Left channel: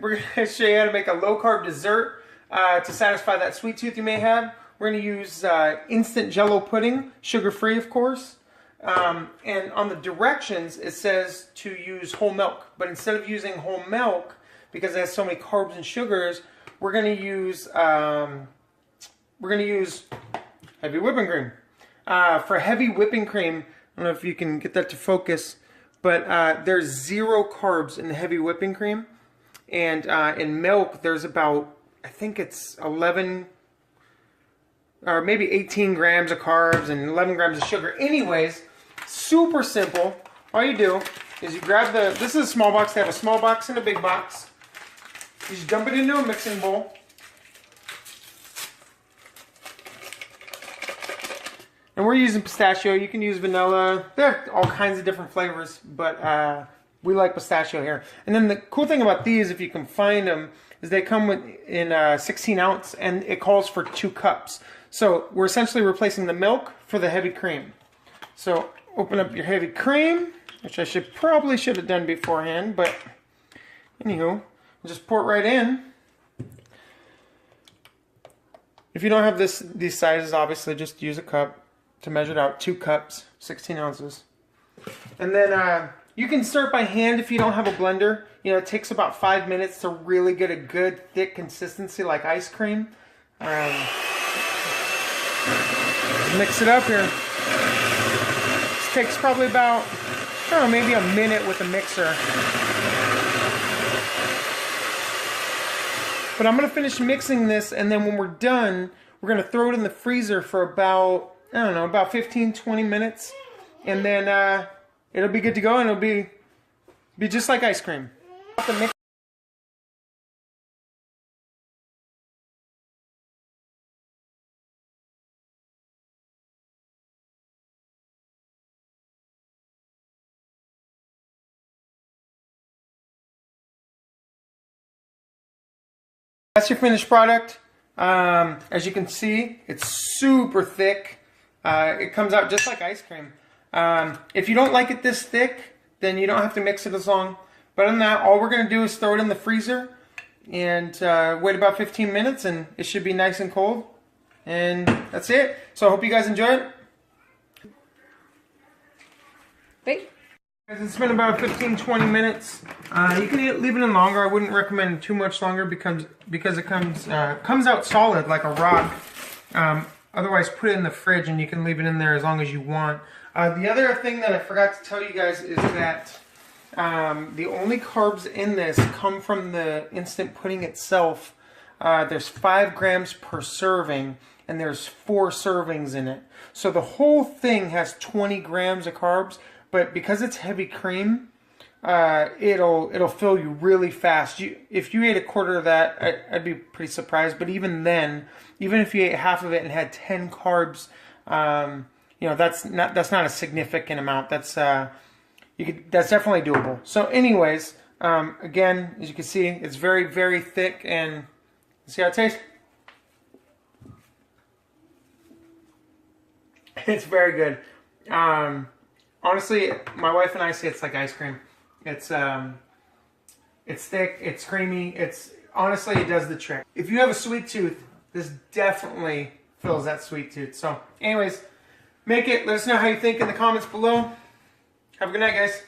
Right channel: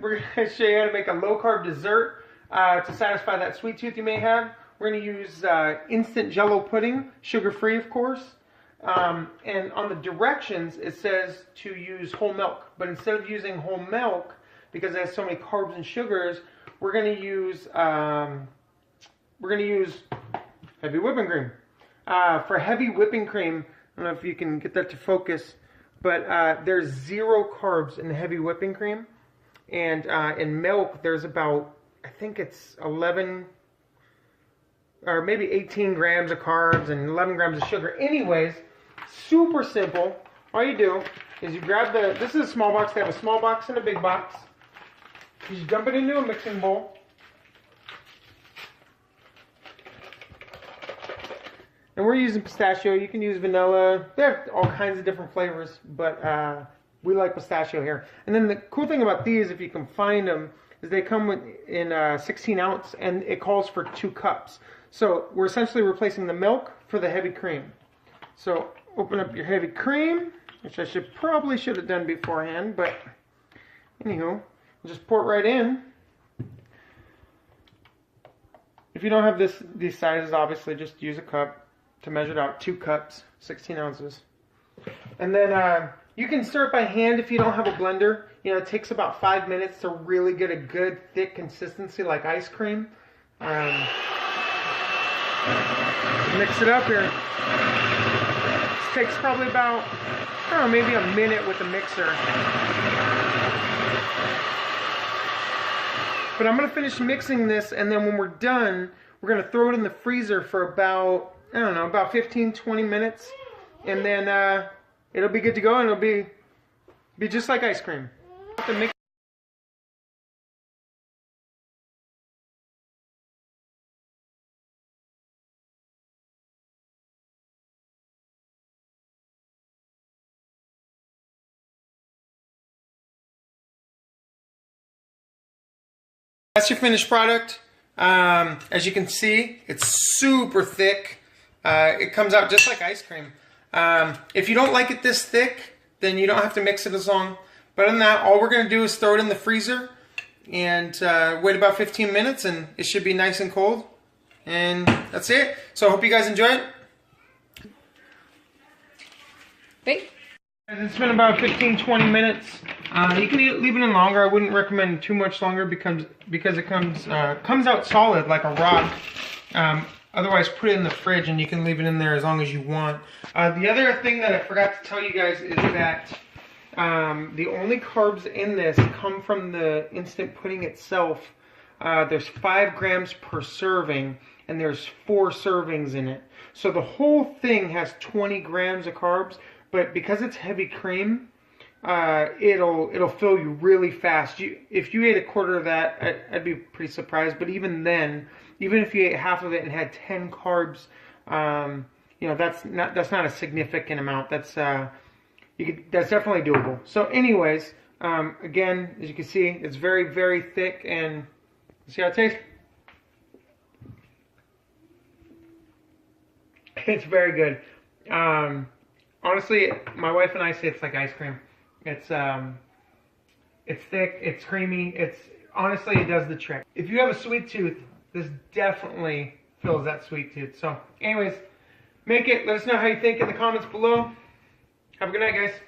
we're gonna show you how to make a low-carb dessert to satisfy that sweet tooth you may have. We're gonna use instant Jello pudding, sugar-free, of course. And on the directions, it says to use whole milk. But instead of using whole milk, because it has so many carbs and sugars, we're gonna use heavy whipping cream. For heavy whipping cream, I don't know if you can get that to focus, but there's 0 carbs in the heavy whipping cream. And in milk, there's about, I think it's 11 or maybe 18 grams of carbs and 11 grams of sugar. Anyways, super simple. All you do is you grab this is a small box. They have a small box and a big box. You just dump it into a mixing bowl. And we're using pistachio. You can use vanilla. There are all kinds of different flavors, but we like pistachio here. And then the cool thing about these, if you can find them, is they come in 16 ounce, and it calls for 2 cups. So we're essentially replacing the milk for the heavy cream. So open up your heavy cream, which I probably should have done beforehand, but anywho, just pour it right in. If you don't have these sizes, obviously just use a cup to measure it out. 2 cups, 16 ounces. And then you can start by hand if you don't have a blender. You know, it takes about 5 minutes to really get a good thick consistency like ice cream. Mix it up here. This takes probably about, I don't know, maybe a minute with a mixer. But I'm going to finish mixing this, and then when we're done, we're going to throw it in the freezer for about, I don't know, about 15-20 minutes. And then it'll be good to go, and it'll be just like ice cream. That's your finished product. As you can see, it's super thick. It comes out just like ice cream. If you don't like it this thick, then you don't have to mix it as long. But other than that, all we're going to do is throw it in the freezer and wait about 15 minutes, and it should be nice and cold. And that's it. So I hope you guys enjoy it. Wait. It's been about 15-20 minutes. You can leave it in longer. I wouldn't recommend too much longer because it comes out solid like a rock. Otherwise, put it in the fridge and you can leave it in there as long as you want. The other thing that I forgot to tell you guys is that the only carbs in this come from the instant pudding itself. There's 5 grams per serving, and there's 4 servings in it. So the whole thing has 20 grams of carbs. But because it's heavy cream, it'll fill you really fast. If you ate a quarter of that, I'd be pretty surprised. But even then, even if you ate half of it and had 10 carbs, you know, that's not a significant amount. That's definitely doable. So, anyways, again, as you can see, it's very, very thick, and see how it tastes. It's very good. Honestly, my wife and I say it's like ice cream. It's thick, it's creamy, honestly, it does the trick. If you have a sweet tooth, this definitely fills that sweet tooth. So anyways, make it, let us know how you think in the comments below. Have a good night, guys.